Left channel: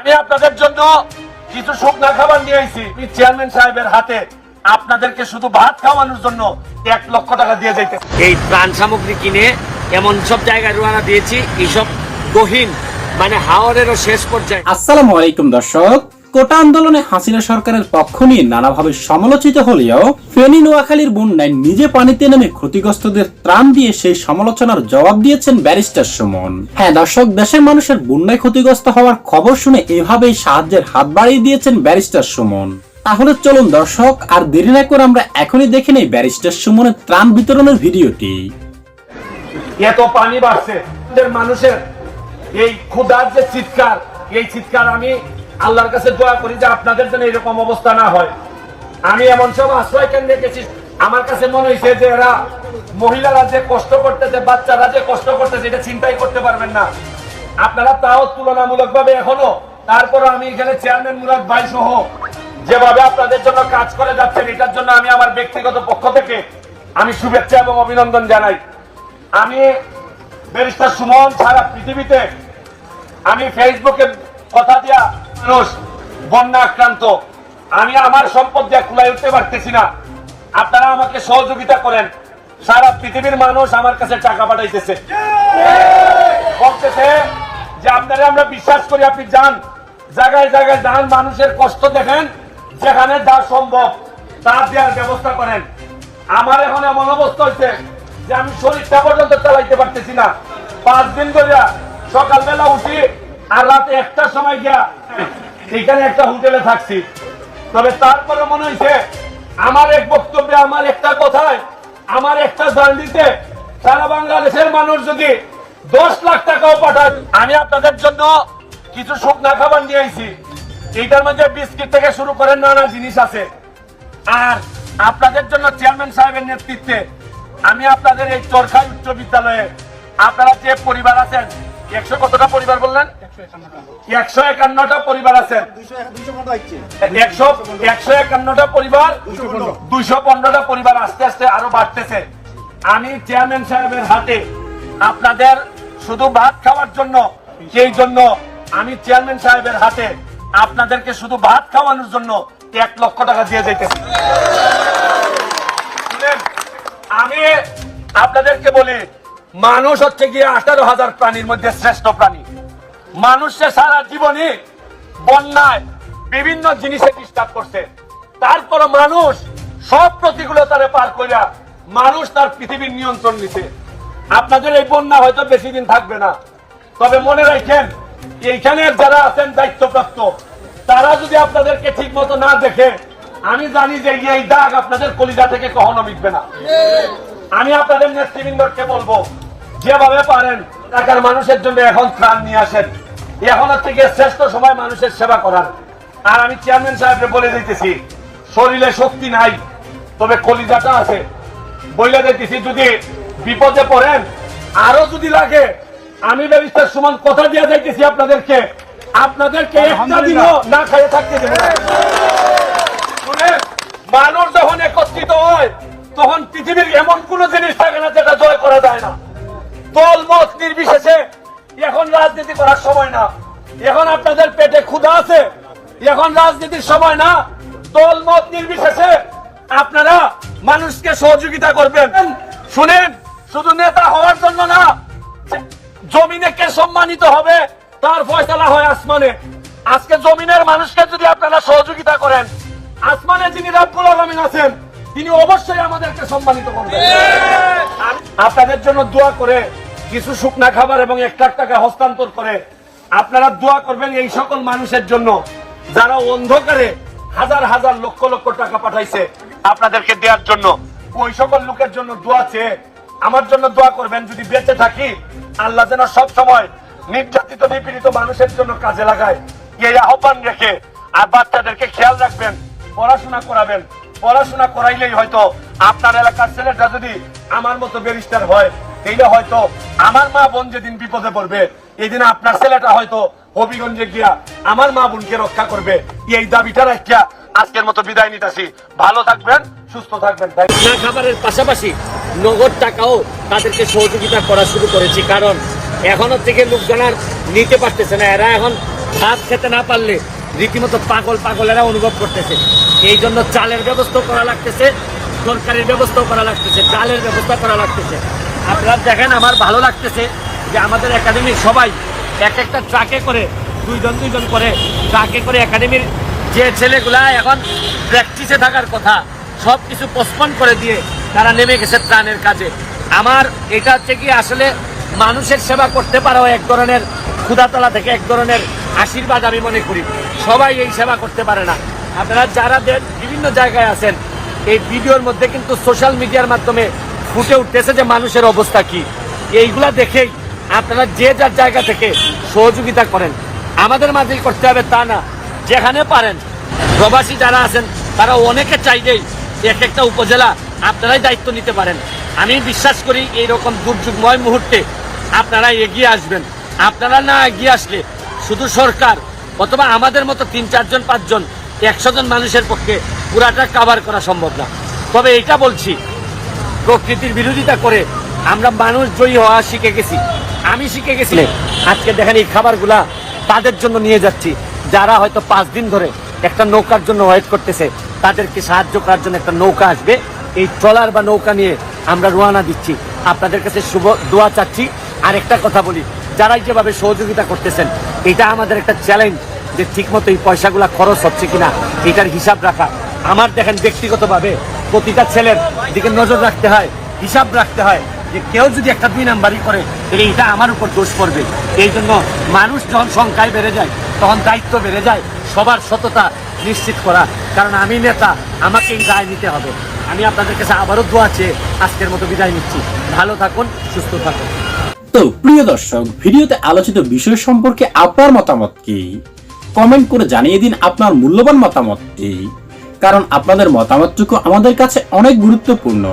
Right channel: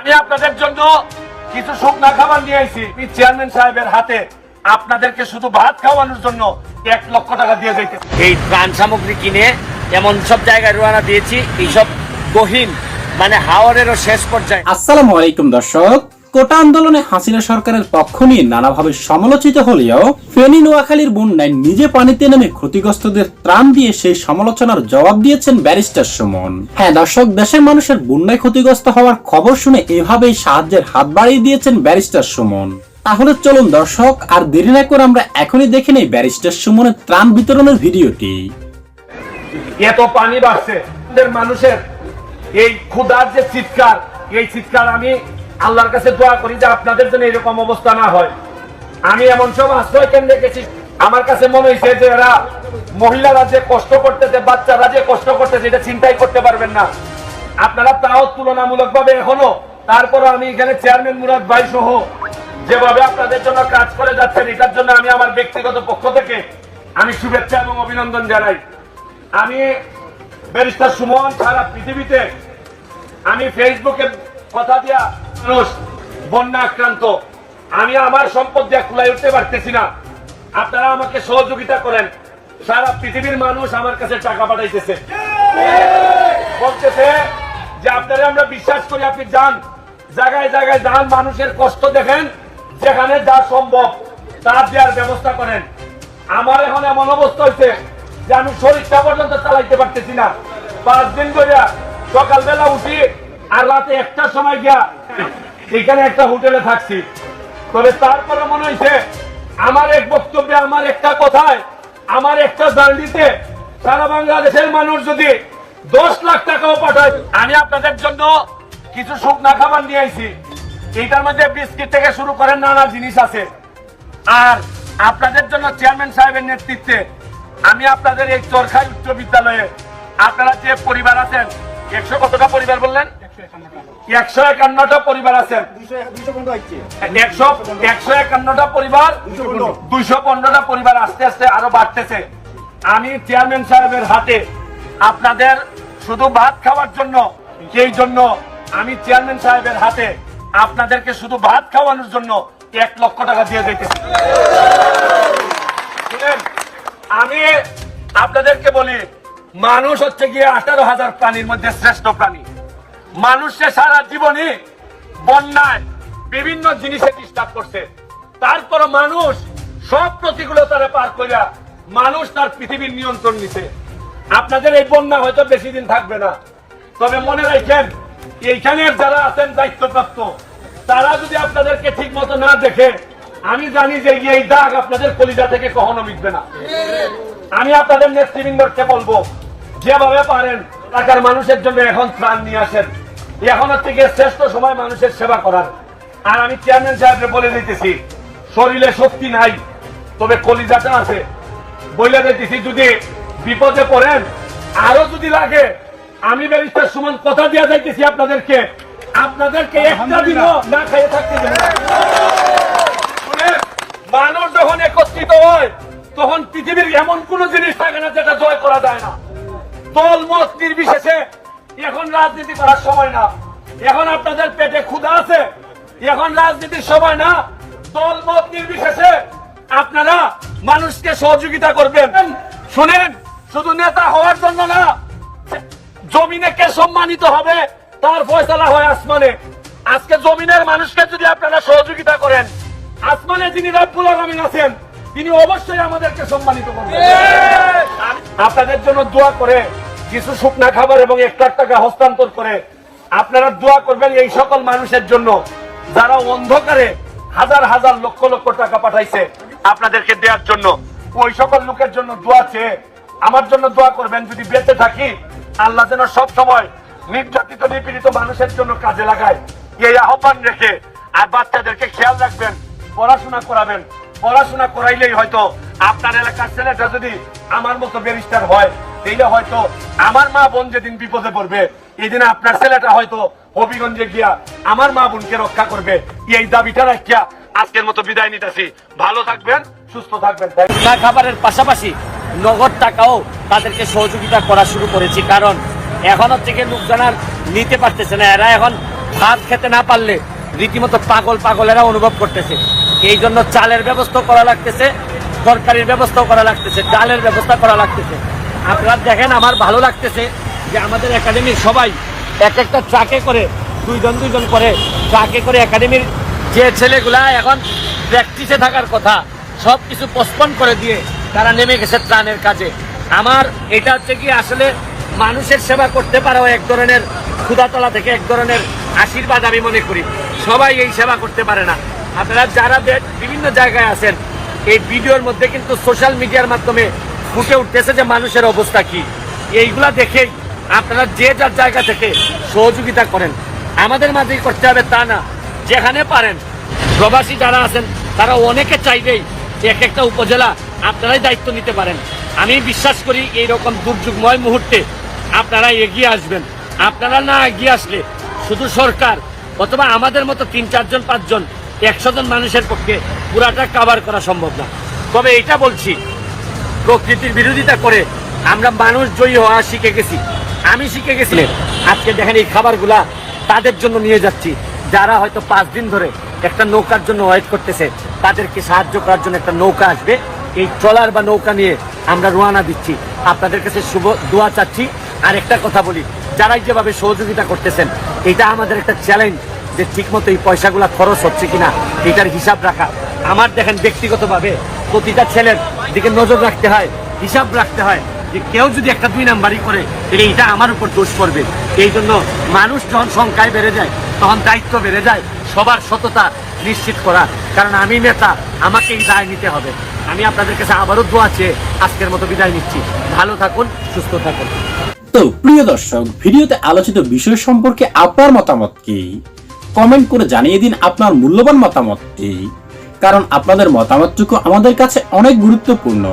আমি আপনাদের জন্য কিছু শুকনা খাবার নিয়ে আইছি চেয়ারম্যান সাহেবের হাতে আপনাদেরকে শুধু ভাত খাওয়ানোর জন্য এক লক্ষ টাকা দিয়ে যাইতে। এই প্রাণ সামগ্রী কিনে এমন সব জায়গায় রোয়ানা দিয়েছি এইসব গহীন মানে হাওয়ারেরও শেষ পর্যায়ে। আসসালামু আলাইকুম দর্শক। কোটা আন্দোলনে হাসিনা সরকারের পক্ষ নিয়ে নানাভাবে সমালোচিত হলেও ফেনী নোয়াখালীর বন্যায় নিজে পানিতে নেমে ক্ষতিগ্রস্তদের ত্রাণ দিয়ে সেই সমালোচনার জবাব দিয়েছেন ব্যারিস্টার সুমন। হ্যাঁ দর্শক, দেশের মানুষের বন্যায় ক্ষতিগ্রস্ত হওয়ার খবর শুনে এভাবেই সাহায্যের হাত বাড়িয়ে দিয়েছেন ব্যারিস্টার সুমন। তাহলে চলুন দর্শক, আর দেরি না করে আমরা এখনই দেখে নেই ব্যারিস্টার সুমনের ত্রাণ বিতরণের ভিডিওটি। এত পানি বাড়ছে মানুষের এই ক্ষুধার যে চিৎকার, এই চিৎকার আমি আল্লাহর কাছে দোয়া করি যে আপনাদের জন্য এরকম অবস্থা না হয়। আমি এমন সব আশ্রয় কেন্দ্রে গেছি, আমার কাছে মনে হয়েছে যে এরা মহিলারা যে কষ্ট করতেছে, বাচ্চারা যে কষ্ট করতেছে, এটা চিন্তাই করতে পারবেন না। আপনারা তাও তুলনামূলক ভাবে এখনও তারপরে আমি এখানে চেয়ারম্যান মুরাদ ভাই সহ যেভাবে আপনাদের জন্য কাজ করে যাচ্ছেন, এটার জন্য আমি আমার ব্যক্তিগত পক্ষ থেকে আমি শুভেচ্ছা এবং অভিনন্দন জানাই। আমি ব্যারিস্টার সুমন সারা পৃথিবীতে, আমি ফেসবুকে কথা দিয়া মানুষ, বন্যা আক্রান্ত। আমি আমার সম্পদ দিয়ে খোলায় উঠতে পারতেছি না। আপনারা আমাকে সহযোগিতা করেন। সারা পৃথিবীর মানুষ আমার কাছে টাকা পাঠাইতেছে। বলতেছে যে আপনারা আমরা বিশ্বাস করি, আপনি যান। জায়গায় জায়গায় যান, মানুষের কষ্ট দেখেন, যেখানে যা সম্ভব তা দেওয়ার ব্যবস্থা করেন। আমার এখন এমন অবস্থা হয়েছে যে আমি শরীরটা পর্যন্ত চালাইতে পারতেছি না। পাঁচ দিন ধরে সকালবেলা উঠি আর রাতে একটার সময় গিয়া এখানে একটা হোটেলে থাকছি। তবে তারপরে মনে হয়েছে, আমার এক বক্তব্যে, আমার একটা কথায়, আমার একটা জার্নিতে সারা বাংলাদেশের মানুষ যদি দশ লাখ টাকাও পাঠায়, আমি আপনাদের জন্য কিছু শুকনা খাবার নিয়ে আইছি। এইটার মধ্যে বিস্কিট থেকে শুরু করে নানা জিনিস আছে। আর আপনাদের জন্য চেয়ারম্যান সাহেবের নেতৃত্বে আমি আপনাদের এই চরখাই উচ্চ বিদ্যালয়ে, আপনারা যে পরিবার আছেন একশো কতটা পরিবার বললেন? একশো একান্নটা পরিবার আছেন একশো একশো একান্নটা পরিবার, দুইশো পনেরোটা পরিবার আস্তে আস্তে আরও বাড়তেছে। আমি চেয়ারম্যান সাহেবের হাতে আপনাদের শুধু ভাত খাওয়ার জন্য, সেই জন্য আমি চেয়ারম্যান সাহেবের হাতে আপনাদেরকে শুধু ভাত খাওয়ানোর জন্য এক লক্ষ টাকা দিয়ে যাইতেছি আমি আপনাদেরকে বলি মানুষ হচ্ছে গিয়ে আঠারো হাজার প্রাণীর মধ্যে শ্রেষ্ঠ প্রাণী। মানুষের সারা জীবনে বন্যায় বিভিন্ন জিনিসে ডিস্টার্ব করছে। তারপরে মানুষ সব প্রতিকূলতারে পার করিয়া মানুষ তার পৃথিবীর নিয়ন্ত্রণ নিছে। আপনাদের এই বন্যা হয়তো বেশি দিন থাকবে না। তবে মনে রাখেন, এইখানে যারা আছেন দায়িত্বপ্রাপ্ত, তারা যদি আপনাদেরকে ঠিক মতো না দেখে, আমি জানি যে এই দাগ আপনাদের কলিজা থেকে কখনো মিটবে না। আমি আপনাদের নেতৃবৃন্দকে বলব যেভাবে পারেন এলাকার মানুষের জন্য এখন ত্রাণ নিয়ে আসেন। এখন গিয়ে শ্রেষ্ঠ সময় মানুষের সেবা করার। আর আমি চেয়ারম্যান সাহেবকে বলে দিতেছি শরীরে শক্তি নাই তবে কলিজাটা আছে। বইলে দিতেছি যদি বিপদে পড়েন আরও যদি লাগে আমি ব্যারিস্টার সুমন কথা দিয়ে যাইতেছি আপনাদেরকে। আপনাদেরকে একটা দিনও না খাইয়ে থাকতে দেবো মানুষ তখন পৃথিবীর এমন কোন জিনিস থাকে না যেটা জয় করা যায় না। দল, মত নির্বিশেষে এখন রাজনীতি করার সময় না। এখন আপনাদের পেটে ক্ষুধা আছে, এখন রাজনীতির সময় না। দল, মত নির্বিশেষে আপনারা মানুষকে সহযোগিতা করবেন। শুনেন, শুধু নেতা হওয়ার জন্য না, জমিনে কে সম্মানিত হবে তার ফয়সালা হয় আসমানে। আজকে জমিনের মানুষকে যদি আপনারা সহযোগিতা করেন, আসমানে যিনি রাব্বুল আলামিন আছেন তিনি অবশ্যই আমাদেরকে সম্মানিত করবেন। আপনাদের জন্য দোয়া করে কিছু শুকনা খাবার এবং লাখ টাকা হস্তান্তর করে আপনারা দোয়া করবেন এই সকল মানুষের জন্য যারা অন্ধকারে হাজার হাজার লক্ষ লক্ষ টাকা পাঠাইছে আপনাদেরকে দেওয়ার জন্য। ওই সকল লোকের জন্য দোয়া চেয়ে আমার জন্য দোয়া করবেন, যদি বেঁচে থাকি, আল্লাহ যেন সব সময় নির্যাতিত, নিপীড়িত মানুষের জন্য কাজে লাগায়। এই আহ্বান রেখে আর বাচ্চাদেরকে খেয়াল রাখবেন, পড়াশোনা করাবেন পড়াশোনা করাইলেই হয়তো আপনার এলাকার ছেলেটা যদি আমার মতো ব্যারিস্টার হয় এইটা হয়তো আমার মা বোন যেদিন বিপদে পড়বে এই দিন আপনার ছেলেটা হয়তো হবিগঞ্জে গিয়া আমার মা বোনকে রক্ষা করবে। এই দাবিটা রাখিয়া আজকের মতো বিদায় নিতেছি। ভালো থাকবেন, সুস্থ থাকবেন। না খাবারের পাশাপাশি নগদ টাকাও তাদেরকে সহযোগিতা করা শুরু করেছি। কারণ এখনও থেকে লোকজন আর নিতে পারতেছে না। এরা এখন ভাত খেতে না পারলে রীতিমতো পাগল পাগলেরা অনুভব করতেছে। এই জন্য চালের ব্যবস্থা করা লাগতেছে, তরকারির ব্যবস্থাও করা লাগতেছে, ডালের ব্যবস্থা করা লাগতেছে। আপনারা দেখেন, আমার ভালো লাগতেছে যে আমাদের একাডেমির সবাই এক একটা ট্রাকে করে, দুইজন দুইজন করে, ট্রাকে করে একাডেমির যে ছেলেগুলা এখন প্র্যাকটিসে থাকার কথা সব কিছু পোস্টপন করে দিয়ে তারা নেমে গেছে ত্রাণের কাজে। আমার এটা হচ্ছে কি, আসলে মানুষের সেবা করতে পারাও এক ধরনের ক্ষুদাতলা থেকে এক ধরনের আশীর্বাদ আমি মনে করি। সবাই এই সেবা করতে পারে না। আপনারা যারা বিভিন্ন জায়গায় আছেন, এই ভিডিওর মধ্যে কিন্তু সোশ্যাল মিডিয়ার মাধ্যমে ফুটে উঠতেছে যে মানুষের অবস্থা কি। এইগুলা দেখেই আপনারা যে যার জায়গা থেকে সহযোগিতা করেন, আমাদের মাঝেই করতে হবে তা না। যেখানে পারেন, প্রবাসী যারা আছেন, তারা অনেকে চাইলেই এক একটা উপজেলা আপনারাই দায়িত্ব নিতে পারেন। আমি বিশ্বাস করি এই রকম দুর্যোগময় মুহূর্তে আপনারা এগিয়ে আসবেন। আপনারা না এগিয়ে আসলে শুধু সরকার অথবা আমাদের মতো তিন, চারজন, পাঁচজন, একশো জন মানুষের পক্ষে পুরাটা কাভার করা সম্ভব না। তবে এটা বলছি, প্রকৃতির বিরোধিতা করে আমরা মানুষ জয়ী হওয়া শিখে গেছি। আমি শিখে গেছি, আজকে দেখেন এই খাবারগুলা তাদের জন্য নিয়ে যাচ্ছি। যারা হয়তো পাঁচ দিন ধরে একটা নৌকার জন্য ওয়েট করতেছে, তাদেরকে সাহায্য করার জন্য একটা নৌকা আসবে। এই ট্রলার বা নৌকা নিয়ে আমরা রোয়ানা দিচ্ছি। আপনাদের কাছে শুভ দোয়া চাচ্ছি। আর একটা কথা বলি যারা যেভাবে সহযোগিতা করতেছেন এটা আমাদের একটা চ্যালেঞ্জ যে ঠিকমতো এই পয়সাগুলা খরচ হচ্ছে কিনা, এটার হিসাব রাখা। আমার দেখেন ব্যক্তিগতভাবে প্রতিটা ছেলের দিকে নজর রাখতে হয়, হিসাব রাখতে হয় যে কেউ যদি একটা দুই নাম্বারই করে, তাহলে এটা আমার উপর দোষ পড়বে। এই জন্য মানুষ যখন সংখ্যায় বেড়ে যায়, তখন দায়িত্ব বেড়ে যায়, সবার সততা নিশ্চিত করা। কারণ আমি নেতা আমাকে এই দায় নিতে হবে। আমি আপনাদের কাছে আবারও দোয়া চেয়ে আজকের মতো বিদায় নিচ্ছি। ভালো থাকুন, সুস্থ থাকুন। তো প্রিয় দর্শক, ভিডিওতে আলোচিত বিষয় সম্পর্কে আপনার মতামত কি? কমেন্ট করে জানিয়ে দিন আপনার মূল্যবান মতামতটি, কারণ আপনাদের মতামতটুকু আমাদের কাছে অনেক গুরুত্বপূর্ণ।